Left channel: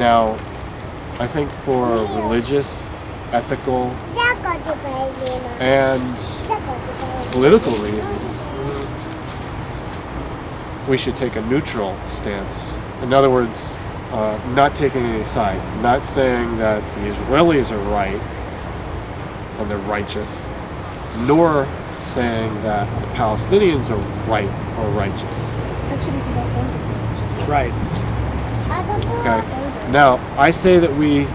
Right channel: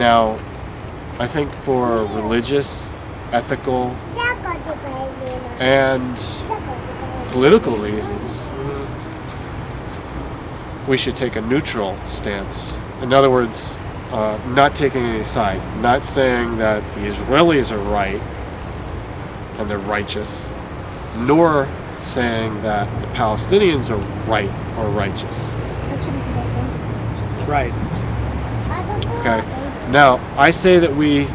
Now, I think for religious, ethical, and political reasons, we should take a neutral stance. In other words, not taking any side, not saying that the Israelis are right and they're righteous, nor saying that the Palestinians are right or righteous. Right. Okay. Now, I say that we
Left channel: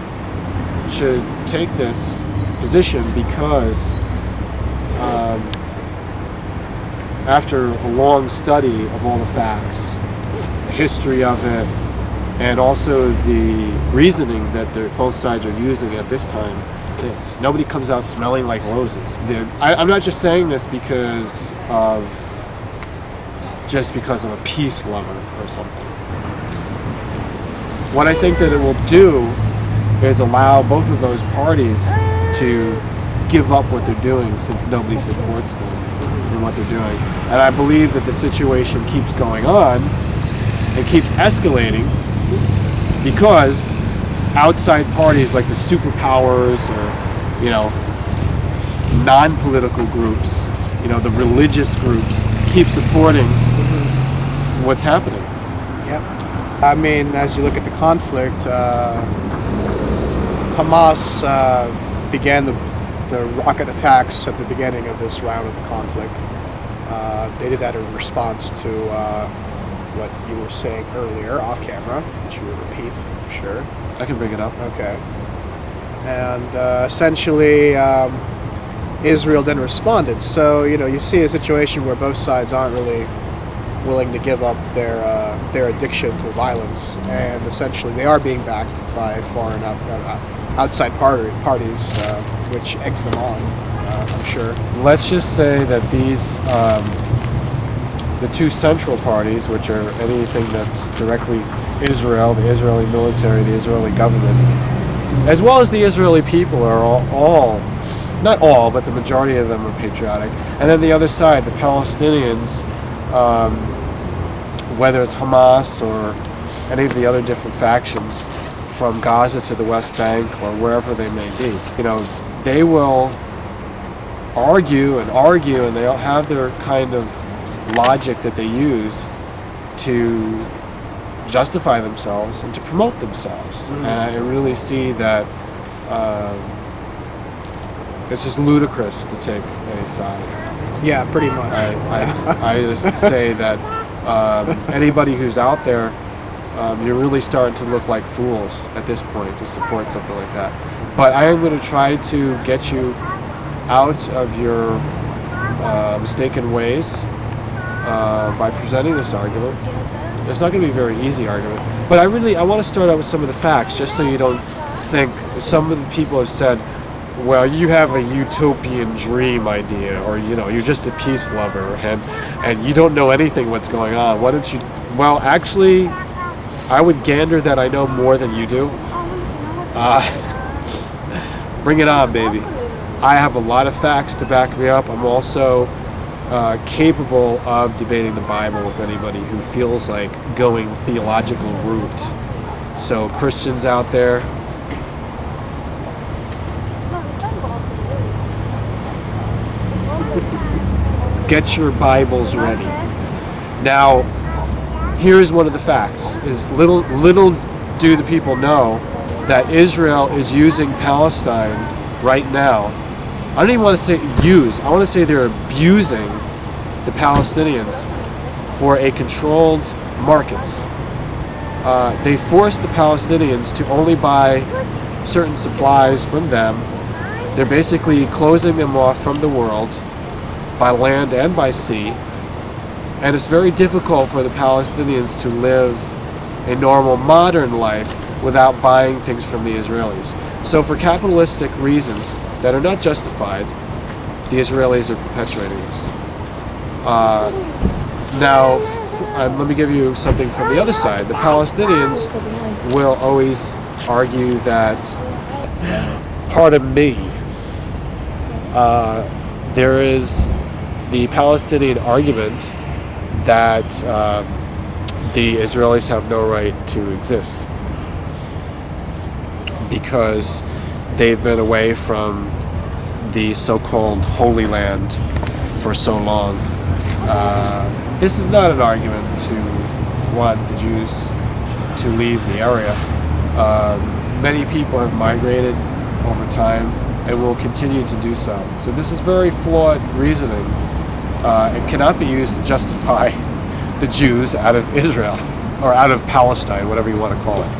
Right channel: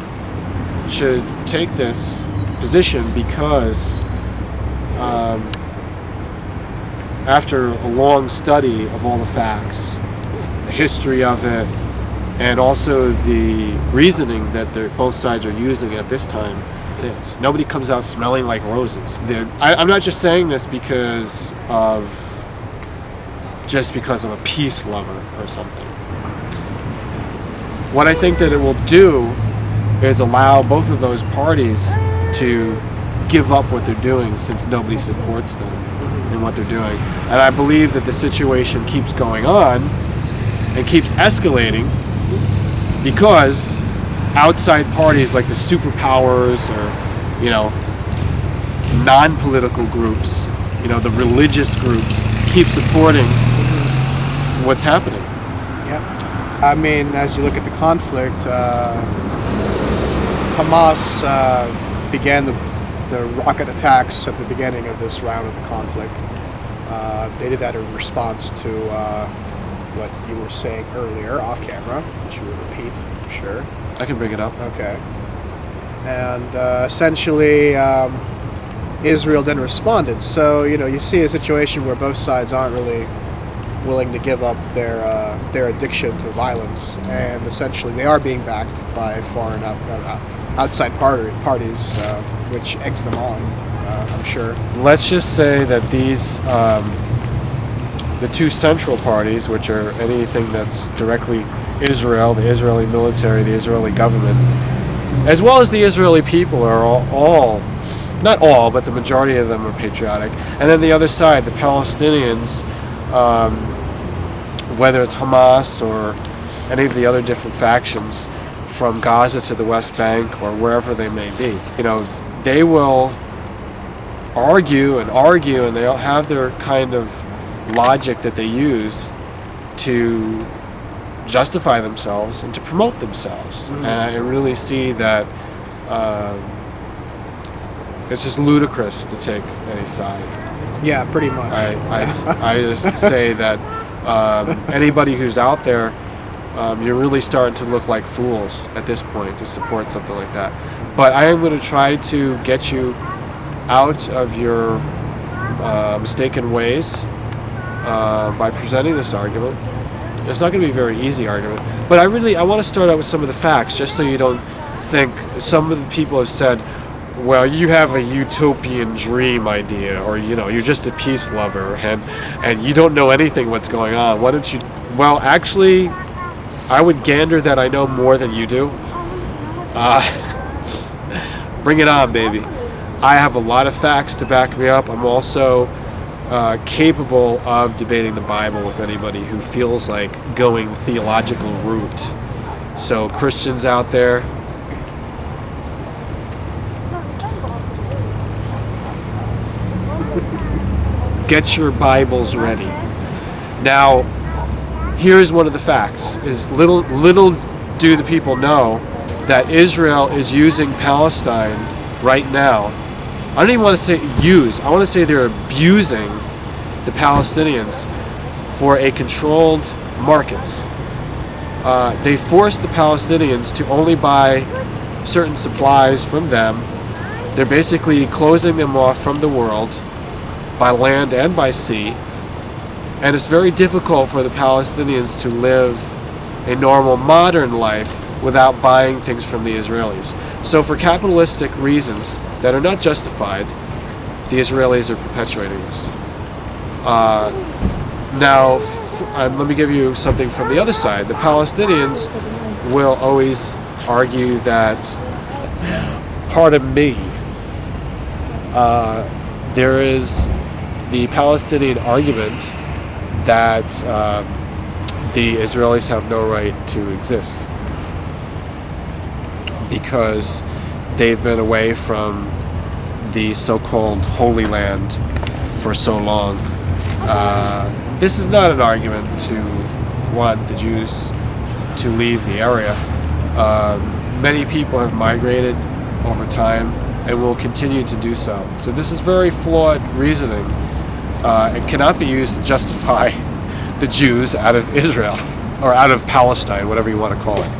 should take this position because after a long study of all the facts, the history of it, and also the reasoning that both sides are using at this time, nobody comes out smelling like roses. I'm not just saying this because I'm a peace lover or something. What I think that it will do is allow both of those parties to give up what they're doing, since nobody supports them in what they're doing. And I believe that the situation keeps going on and keeps escalating because outside parties like the superpowers or, non-political groups, the religious groups keep supporting what's happening. Yep. I mean, as you look at the conflict, Hamas began the rocket attacks at the beginning of this round of the conflict. They did that in response to what you were saying earlier off camera, which you would repeat, I'm sure. I can bring it up. Okay. And essentially, Israel then responded. So, you see a situation where both sides aren't really willing to give up their addiction to violence, and essentially they are being backed by foreign outside parties, which eggs them on, I'm sure. Let's just say that these, the two central parties, which are anything that's directly Israel, the Israeli military, the Israeli government, as well as the Israeli people, are all not all, but the majority of them are patriotic. And then the other side, the Palestinians, whether it's Hamas or any of the other different factions from Gaza to the West Bank or wherever they may be, they will argue, and they'll have their kind of logic that they use to justify themselves and to promote themselves. Mm-hmm. And I really see that it's just ludicrous to take any side. Yeah, pretty much. I just say that anybody who's out there, you're really starting to look like fools at this point to support something like that. But I am going to try to get you out of your mistaken ways by presenting this argument. It's not going to be a very easy argument, but I want to start out with some of the facts, just so you don't think. Some of the people have said, well, you have a utopian dream idea, or you're just a peace lover, and you don't know anything what's going on. Why don't you? Well, actually, I would gander that I know more than you do. Bring it on, baby. I have a lot of facts to back me up. I'm also capable of debating the Bible with anybody who feels like going theological route. So Christians out there, get your Bibles ready. Now, here's one of the facts: is little do the people know that Israel is using Palestine right now. I don't even want to say use. I want to say they're abusing the Palestinians for a controlled market. They force the Palestinians to only buy certain supplies from them. They're basically closing them off from the world by land and by sea. And it's very difficult for the Palestinians to live a normal modern life without buying things from the Israelis. So for capitalistic reasons that are not justified, the Israelis are perpetuating this. Now, let me give you something from the other side. The Palestinians will always argue that, pardon me, there is the Palestinian argument that the Israelis have no right to exist. because they've been away from the so-called Holy Land for so long. This is not an argument to want the Jews to leave the area. Many people have migrated over time and will continue to do so. So this is very flawed reasoning. It cannot be used to justify the Jews out of Israel, or out of Palestine, whatever you want to call it.